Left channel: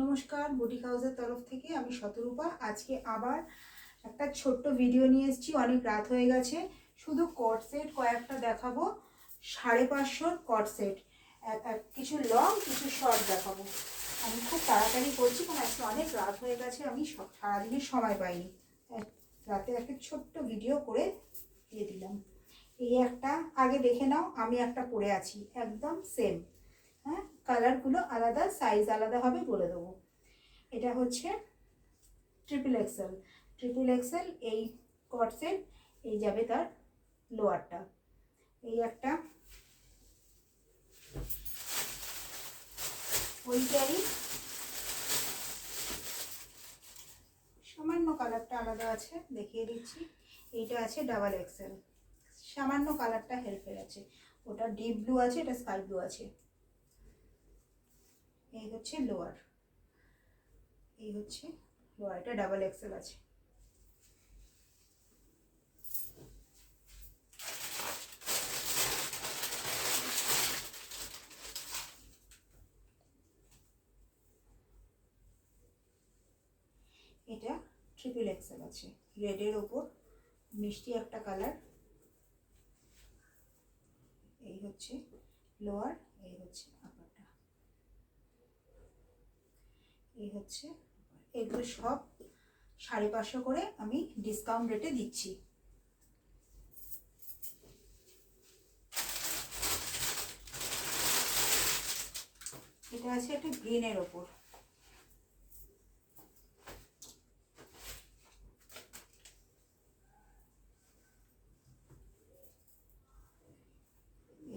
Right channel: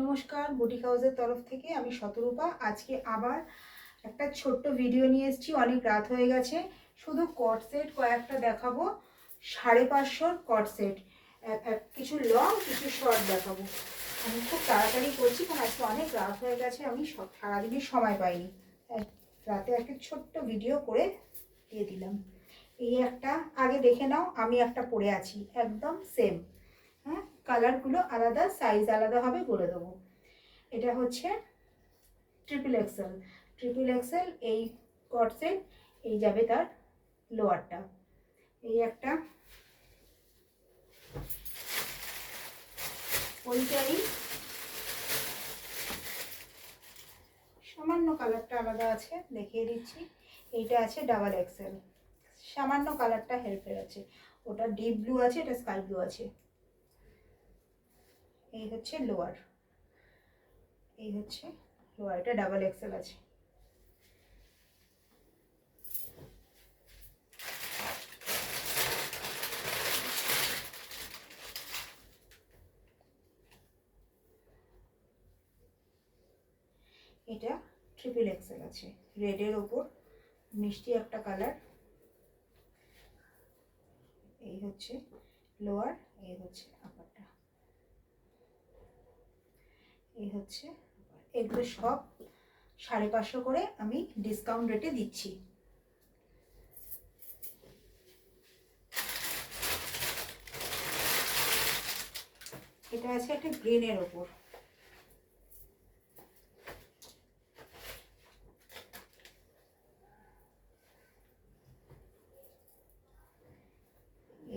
নমস্কার, বুটিক হাউসের তরফ থেকে আমি শতরূপা। আজকে আবার একটা ছোট্ট ভিডিও নিয়ে এসেছি। অনেক রাত হয়ে গেছে। শুধু কট সেট কয়েকটা দেখাবো, 550 কট সেট, কিছু লং কিছু শর্ট দেখাবো। আমি খুব তাড়াতাড়ি করছি কারণ আজকে অনেক রাত হয়ে গেছে, আমি সারাদিনের সময় পাইনি। রাতে একটা ছোট্ট ভিডিও করে দিয়ে দিলাম। এই একটা আগে দেখে নাও, আমি একটা পরে আছি একদম সেম। হ্যাঁ, কালারগুলো আলাদা, সাইজ আলাদা হবে, বলে দেবো। এটা হচ্ছে ট্রিপল এক্সেল এই কট সেট। এই যাবে তার লোয়ারটা। এই একটা ওইটারই সামান্য কালারটা আলাদা আছে, দেখিয়ে দিচ্ছি। এইটা আছে ডাবল এক্সেল, সামান্য কালারটা হেরফের আছে। ওটা ডিপ ব্লু আছে, এটা স্কাই ব্লু আছে। এই হচ্ছে লোয়ার, এই হচ্ছে লোয়ার, এটা ডাবল এক্সেল আছে। এটা ট্রিপল এক্সেল আছে, রেডের ওপর মিষ্টি একটা কালার। এই হচ্ছে লোয়ার, এই হচ্ছে আপারটা, এই হচ্ছে। এগুলো সব 550 করে আমি ডিসকাউন্ট রেটে দিচ্ছি। এটা আছে একটা গ্রিনের ওপর,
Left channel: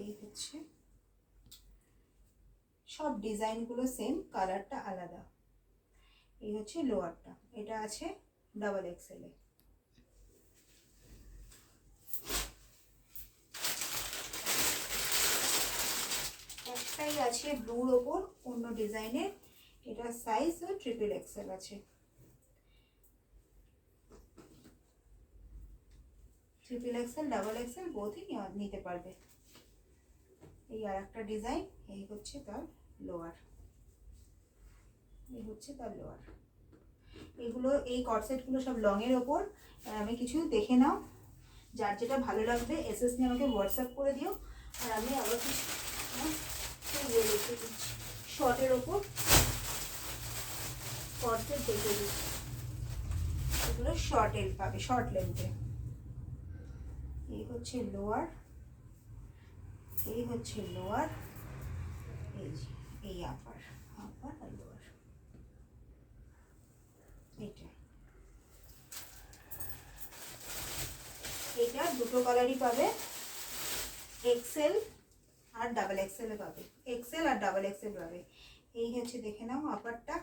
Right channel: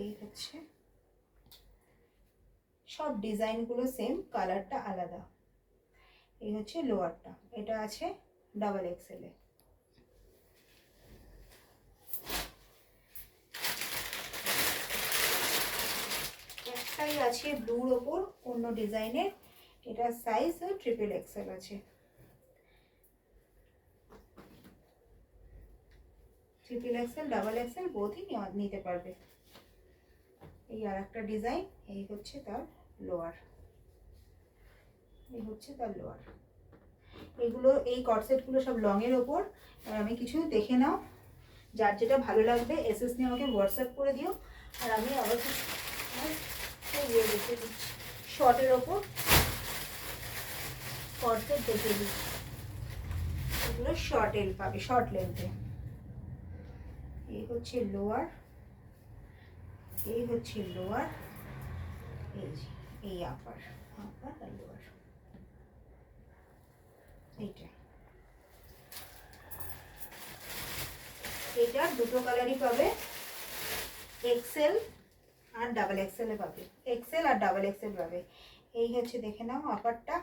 এই হচ্ছে। সব ডিজাইনগুলো সেম, কালারটা আলাদা। এই হচ্ছে লোয়ারটা, এটা আছে ডাবল এক্সেলে। একটাই আছে ব্লুর ওপর অন্য ডিজাইনের, এটা সাইজ ট্রিপল এক্সেল আছে। ট্রিপল এক্সেল ডাবল এক্সেল বোথই নিতে পারবে। এই আর একটা ডিজাইন, এই হচ্ছে তার লোয়ার, এই হচ্ছে তার লোয়ার। এগুলো এই কটসেটগুলো সব লংয়ের ওপর। আমি কিছু দেখে নাও, যার যেটা ভালো লাগবে এসএস নিয়ে আমাকে হোয়াটসঅ্যাপ করে দিও। আর আমি আবার শর্টের ওপর কটসেট দেখে দিচ্ছি। এগুলো শর্ট এল পাবে, শর্ট লেন্থে। এই হচ্ছে লোয়ার, এই হচ্ছে লোয়ার, এই আপার আর লোয়ার। এটা দুটো কালারই পাবে, এক্সেল আর ডাবল এক্সেলে পাবে, এক্সেল আর ডাবল এক্সেল পাবে। এই হচ্ছে দেখে নাও আপারটা,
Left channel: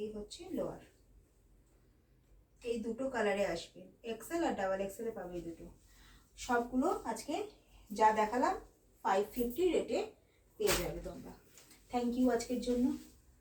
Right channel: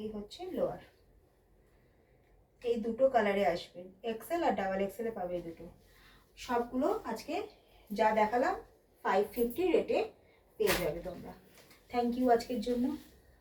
এই হচ্ছে লোয়ার। এই দুটো কালারে আসবে, এক্সেল আর ডাবল এক্সেলে পাবে এই দুটো। সবগুলো আজকে যা দেখালাম 550 রেটে পেয়ে যাবে তোমরা। থ্যাংক ইউ আজকের জন্য।